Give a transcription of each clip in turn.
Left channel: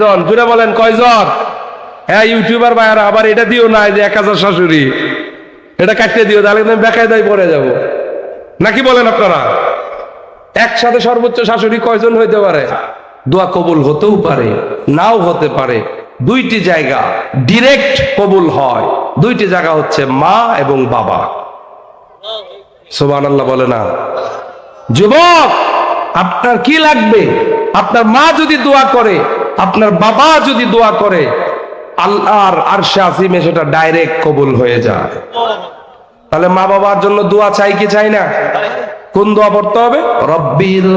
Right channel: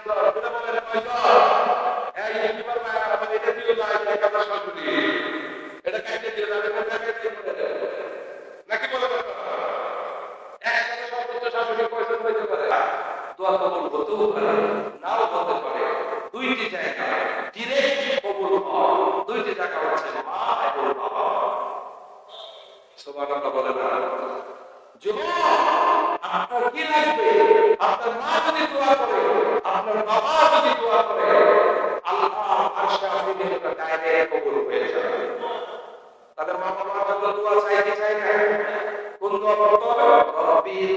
জন জুড়ে বলেন কয়জন? হ্যাঁ ইউটিউবার ভাইয়ারা, আবার এটা দিও না যে 1000 শাশুড়ি, এটা কাটতে দিও, তাহলে কিন্তু বেকায়দায় পড়ে যাব। নাকি বলেন আপনারা? একসাথে সর্বোচ্চ শাশুড়ি কয়জন হইতে পারে? দোয়া কবুল হতেও পারে, নাও হতে পারে। দুইটি জায়গা ডিরেক্ট কবুল হয়, দুইটি জায়গা হচ্ছে মা এবং বাবা। সুবহানাল্লাহ বলে না? যুবক, আপনার কি লাগবে? আপনার মা যদি দোয়া করে, আপনার বাবা যদি দোয়া করে, আল্লাহর আরশে আজিমে সেটা ডাইরেক্ট কবুল হয়ে যায়। তাহলে মা বাবার জন্য দোয়া চাই কি চাই না? কোন দোয়া পড়তে হবে? রব্বির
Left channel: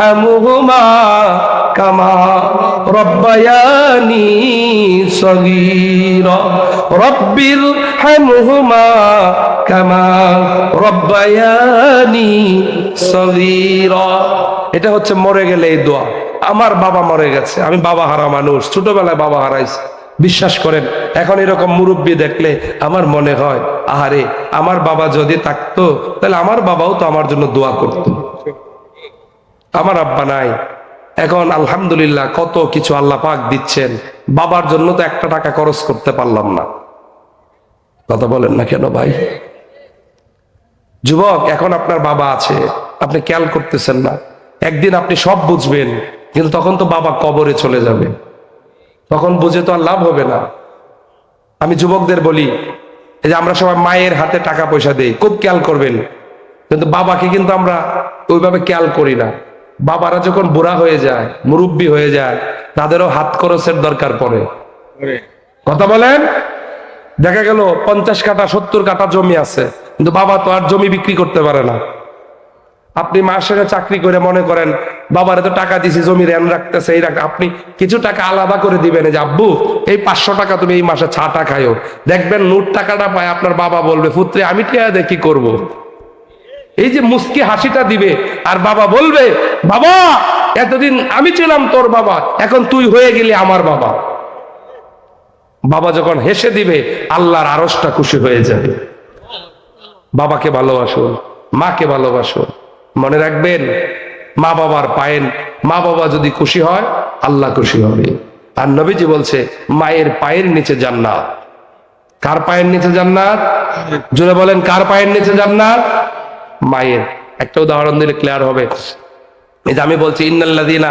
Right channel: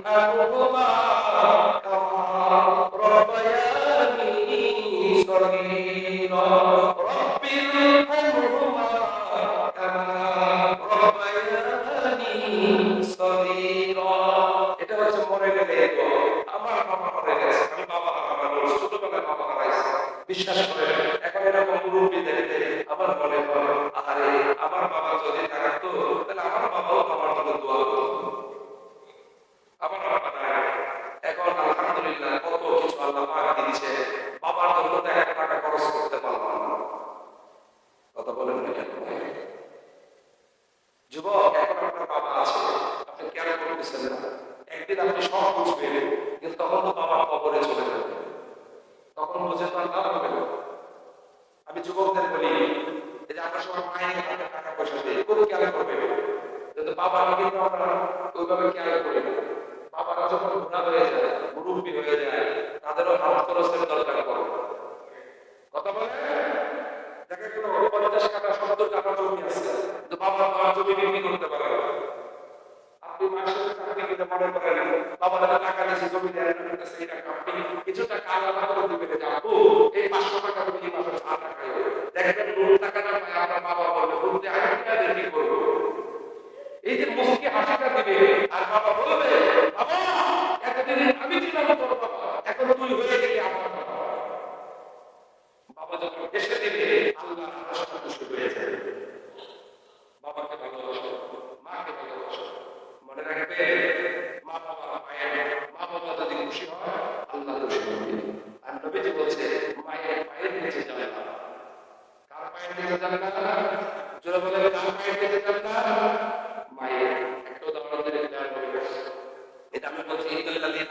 হামহুমা কামা রব্বায়ানি সগীরা, রব্বির হামহুমা কামা রব্বায়ানি সগীরা। এটা হচ্ছে মরে গেলে এই দোয়া। আমার বাবা মরে গেছে, আমি বাবা হারা মানুষ, ছোটবেলায় বাবা হারাইছি। বিশ্বাস করেন, এখন এরকম মুরব্বী দেখলে আমার মনে হয়, আহারে আমার বাবা যদি থাকতো তাহলে আমার বাবাও তো আমার জন্য দোয়া করত। আমার আব্বা নাই, এখন আলহামদুলিল্লাহ কত কিছু আল্লাহ পাক দিচ্ছেন, বাবার জন্য তো একটা টাকা খরচ করতে পারলাম না। কথা বলেন না কেন ভাই? যুবক, এখন আপনার বাবা আছে, আপনি খেয়াল করতেছেন না। একদিন আপনি সব বুঝবেন, কিন্তু তখন তো বাবা কবরে চলে যাবে, তখন বুঝে তো আর লাভ হবে না। আমি যুবকদের বলি, এই যে আমরা সবাই মায়ের হাতে টাকা পয়সা দেই, খুব খেয়াল করবেন, কিন্তু বাবাকে কিন্তু আমরা ওইভাবে খেয়াল করি না। বাবারা যখন বুড়া হয়ে যায়, মুরব্বী হয়ে যায়, তাদেরও হাত খরচের দরকার পড়ে। কথা বলেন? দেখা গেল 50 কাঠা 70 কাঠা জমি আছে, কিন্তু বাবা তো আর জমি বিক্রি করতে পারে না। আপনি মাসের চাকরি করে মনে করেন বাবারে তো টাকা দিছি, জমি রেন রাখতেছে, এই আপনি কিছু টাকা আলাদা করে দিবেন, যে আব্বু এই 500 টাকা তুমি এই মাসে ছাটা খাইও। দেখবেন নোট টাকাটা পায় আপনার বাবা বলবে, পুত্রে আমি টিয়া দিয়ে কি করবো? এই যে মুস্কি হাসিটা দিবে, আর বাবা বলবে, বাবা এতদিন আমি ছিলাম তোর বাবা, এখন তুই হয়ে গেলি আমার বাবা। বাবা যখন হেসে দিবে, আল্লাহর আরশটা খুশি হয়ে যাবে। বাবাকে ভালোবাসুন, মাকে ভালোবাসুন। মনে রাখবেন, মা বাবার পায়েন, মা বাবা যদি খুশি হয় আল্লাহ খুশি হবে। আর নবীজি বলছে, মায়ের পায়ের নিচে জান্নাত। কার পায়ের নিচে জান্নাত? জোরে বলেন, কার পায়ের নিচে জান্নাত? মায়ের। একটা উদাহরণ দিলে ক্লিয়ার হবে। এই যে আমি বলছি, ইন্নাল্লাযীনা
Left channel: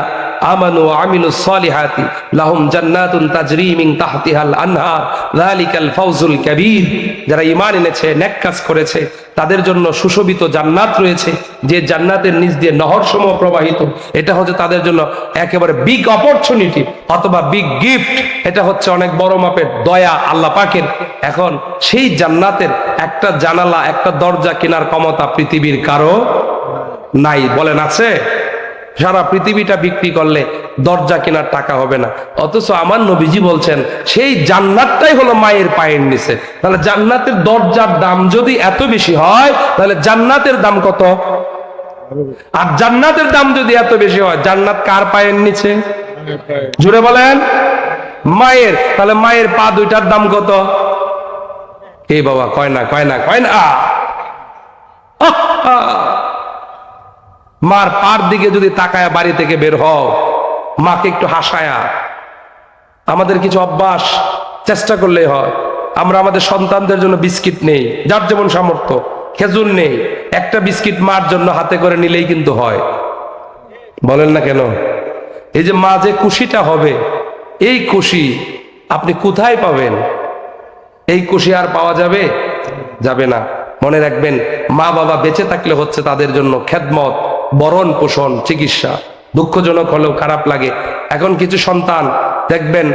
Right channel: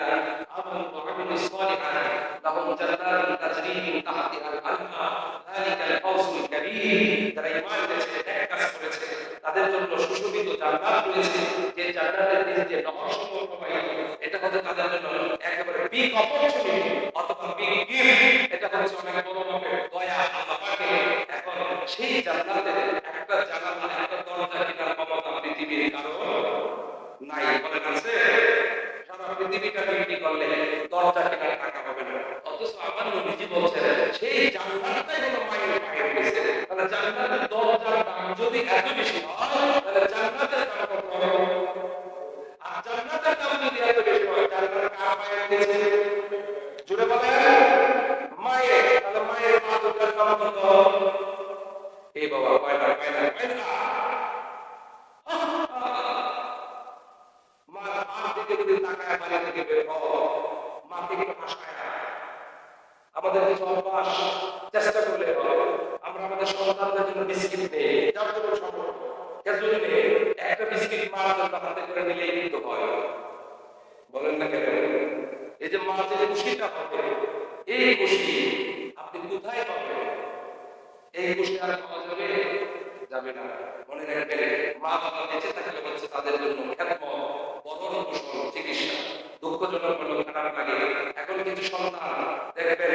আমানু ওয়া আমিলুস সালিহাতি লাহুম জান্নাতুন তাজরি মিন তাহতিহাল আনহার যালিকাল ফাওজুল কাবীর। যারা ঈমান এনেছে, নেক কাজ করেছে, তাদের জন্য সুশোভিত জান্নাত রয়েছে, যে জান্নাতের নিচ দিয়ে নহরসমূহ প্রবাহিত। এটা হচ্ছে তাদের জন্য একেবারে বিগ অপরচুনিটি অথবা বিগ গিফট। এটা হচ্ছে অনেক বড় মাপের দয়া আল্লাহ পাকের। এখন সেই জান্নাতের একটা জানালা, একটা দরজা কেনার ক্ষমতা পৃথিবীর কারো নাই। বলেন আছে? সারা পৃথিবীটা বিক্রি করলে দরজা কেনার টাকা হবে না। অথচ আমার নবীজি বলছেন, সেই জান্নাতটাই হলো মায়ের পায়ের নিচে। তাহলে জান্নাতের দরজার দাম যদি এত বেশি হয়, তাহলে জান্নাতের দাম কত? আর জান্নাতের দাম যদি এত বেশি হয়, জান্নাত কার পায়ের নিচে? জুড়ে বলেন, মায়ের। তাহলে মায়ের পা দুইটার দাম কত? এই বাবা কয় না, কয় না, কয় না। মার পার দিকে যদি তাকায় বাড়ি থেকে বের হও, মাকে একটু হাসায়া। আমাদের কিছু অভ্যাস চেষ্টা করলেই হয়। আমরা আমাদের সন্তানদের জন্য বিস্কিট নেই, যার যেমন সামর্থ্য, খেজুর নেই, একটা বিস্কিট মার জন্য হাতে করে নিলেই কিন্তু হয়। বলেন না কেন? এই যে মা যে খুশিটা হবে, এই খুশি আপনি কোথায় পাবেন? এই খুশি আর পাওয়া যাবে? যাবে না। মনে রাখবেন, মা বাবা বেঁচে থাকলে হচ্ছে তাদের জন্য খেদমত, বরণ পোষণ, চিকিৎসা। দুঃখজনক হলেও খারাপ লাগে, এখন কিছু সন্তান দেখবেন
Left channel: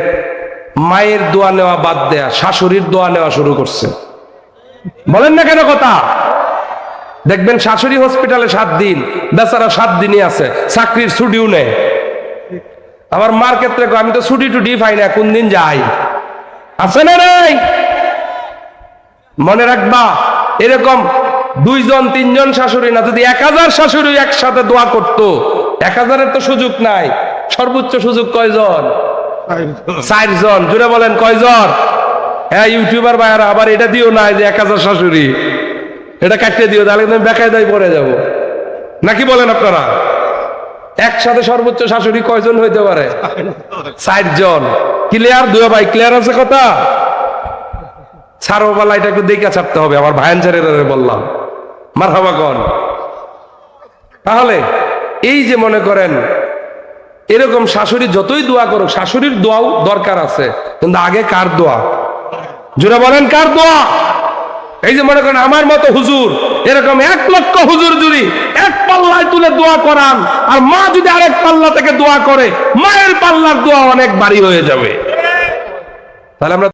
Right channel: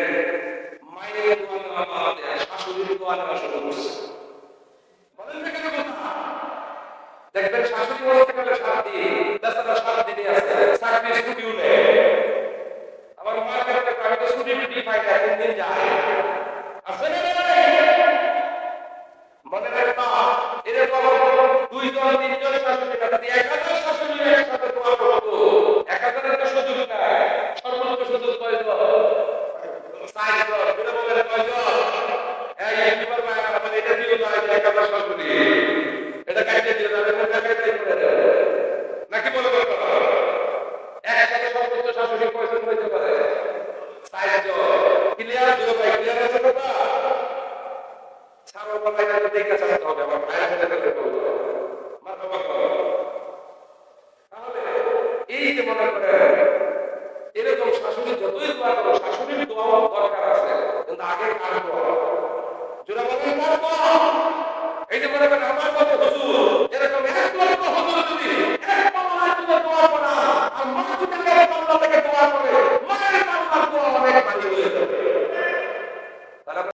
মায়ের দোয়া নেওয়া বাদ দেয়া শাশুড়ির দোয়া নেওয়া শুরু করছে। বলেন না কেন কথা? দেখবেন শাশুড়ি হসপিটালে 7 দিন, বেচারা 7 দিনই আছে, চাকরির ছুটিও নেই। আবার মার ক্ষেত্রে আমি তো ছুটি টুটি পাই না, কোন দিন যাই। আছে না নাই? মনে রাখবা, এরকম 2 জন 3 জন শাশুড়ি না, যদি 1000 শাশুড়ি একসাথে দোয়া করতো, 1000-এর তো সুযোগ নাই, সর্বোচ্চ সুযোগ কয়জন? 4 জন। জুড়ে বলেন কয়জন? হ্যাঁ ইউটিউবার ভাইয়ারা, আবার এটা দিও না যে 1000 শাশুড়ি, এটা কাটতে দিও, তাহলে কিন্তু বেকায়দায় পড়ে যাব। নাকি বলেন আপনারা? একসাথে সর্বোচ্চ শাশুড়ি কয়জন হইতে পারে? 4 জন। ক্লিয়ার? দুয়া ভাই ক্লিয়ার আছে কথা? ছাড়োবালা এটা একটু দেখে ছাড়তে হবে, আমার ভাইয়ানচারের বললাম মারহাবা কোন। তাহলে এই যে মনে করেন এরকম শাশুড়ি যতই দোয়া করুক, শাশুড়ির দোয়াও দরকার আছে, কিন্তু আগে কার দোয়া? জোরে বলেন কার দোয়া? এই যে মনে করেন আমার মতো হুজুর এরকম 1 লক্ষ হুজুর যদি এক পাল্লায় তুলে দোয়া করান, আর মা যদি আরেক পাল্লা থেকে দোয়া করে, মায়ের পাল্লার দোয়া অনেক ভারী হয়ে যাবে। তাহলে আমরা